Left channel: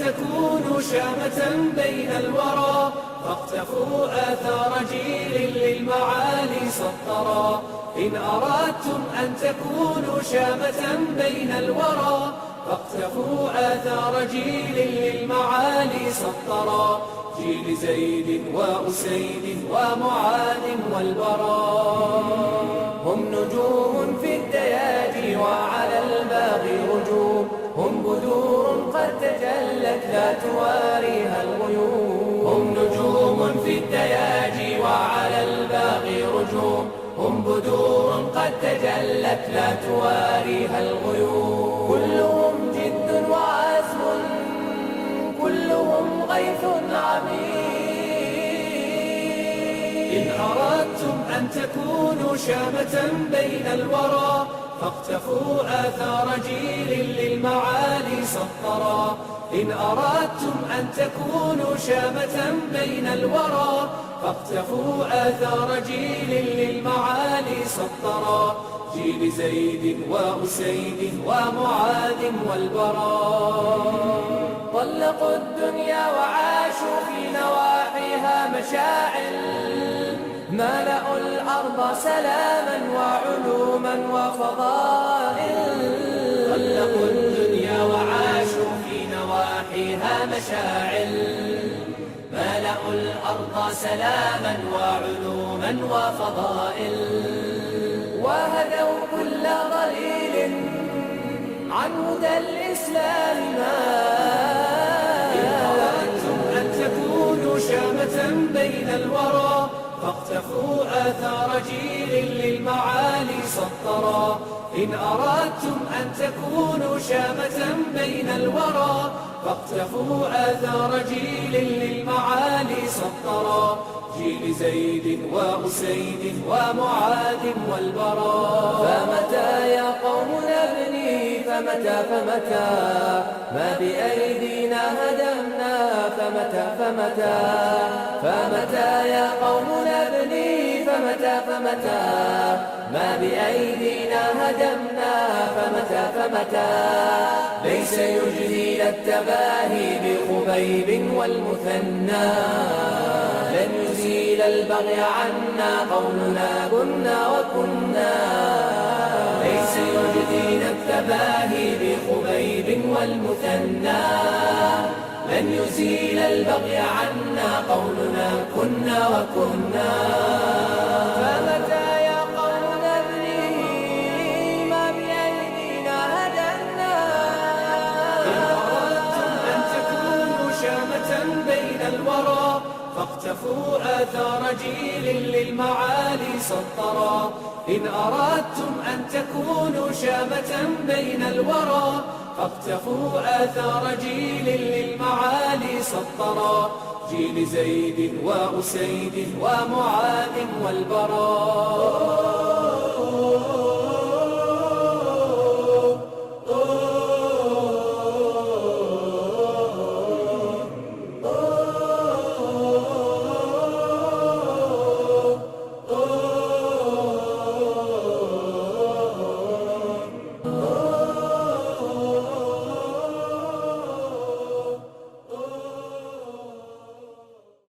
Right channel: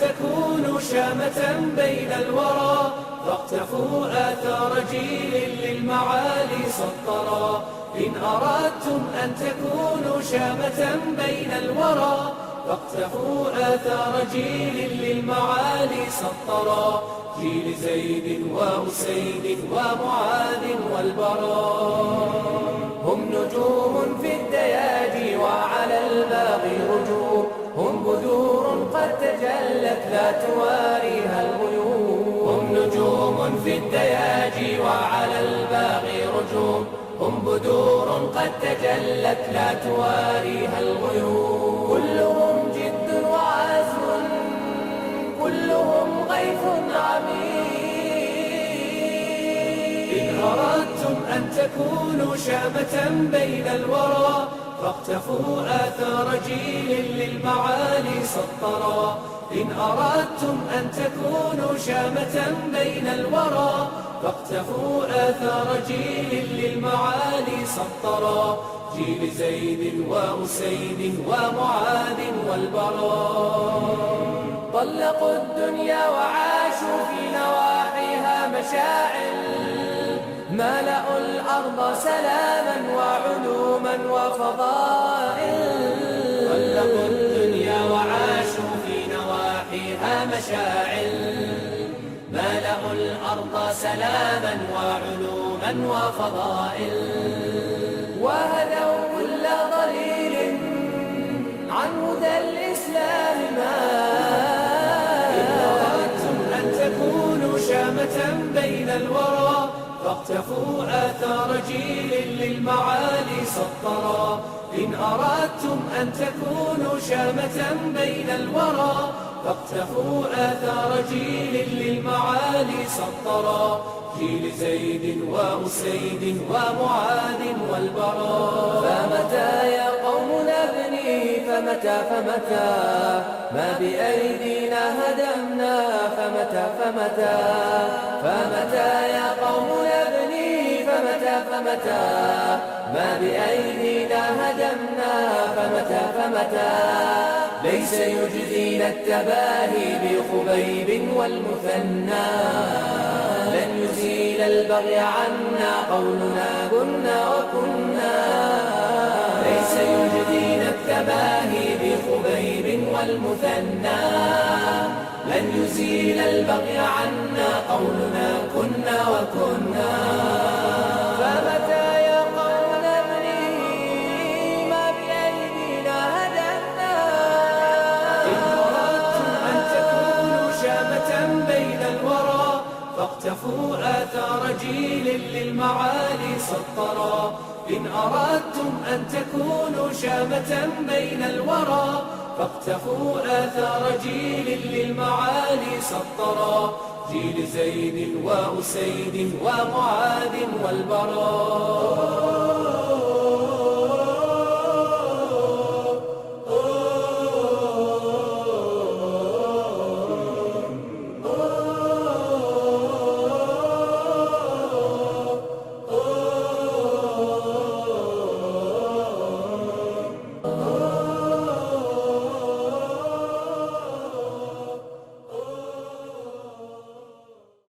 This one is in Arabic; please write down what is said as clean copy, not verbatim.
تكونوا شامة بين الورى، فاقتفوا آثار جيل للمعالي سطرا. إن أردتم أن تكونوا شامة بين الورى، فاقتفوا آثار جيل للمعالي سطرا. جيل زيد وأسيد ومعاذ والبراء، هم نجوم في الدياجي وعلى الباغي رجوم، هم بدور قد تجلت لا تواريها الغيوم. هم نجوم في الدياجي وعلى الباغي رجوم، هم بدور قد تجلت لا تواريها الغيوم. كلهم جد وعزم، كلهم غيث عميق. إن أردتم أن تكونوا شامة بين الورى، فاقتفوا آثار جيل للمعالي سطرا. إن أردتم أن تكونوا شامة بين الورى، فاقتفوا آثار جيل للمعالي سطرا. جيل زيد وأسيد ومعاذ والبراء، طلقوا الدنيا وعاشوا في نواحيها مشاعل، ملأوا الأرض سلاما وعلوما وفضائل. طلقوا الدنيا وعاشوا في نواحيها مشاعل، ملأوا الأرض سلاما وعلوما وفضائل. وهدوا كل ضليل عن هدى الإسلام مائل. أن تكونوا شامة بين الورى، فاقتفوا آثار جيل للمعالي سطرا. إن أردتم أن تكونوا شامة بين الورى، فاقتفوا آثار جيل للمعالي سطرا. جيل زيد وأسيد ومعاذ والبراء. فمتى يا قوم نبني، فمتى ما بأيدينا هدمنا، فمتى يا قوم نبني، فمتى ما بأيدينا هدمنا، فمتى ليس يجزينا التباهي بخبيب والمثنى، لن يزيل البغي عنا قولنا كنا وكنا. ليس يجزينا التباهي بخبيب والمثنى، لن يزيل البغي عنا قولنا كنا وكنا. فمتى يا قوم نبني ما بأيدينا هدمنا. إن أردتم أن تكونوا شامة بين الورى، فاقتفوا آثار جيل للمعالي سطرا. إن أردتم أن تكونوا شامة بين الورى، فاقتفوا آثار جيل للمعالي سطرا. جيل زيد وأسيد ومعاذ والبراء.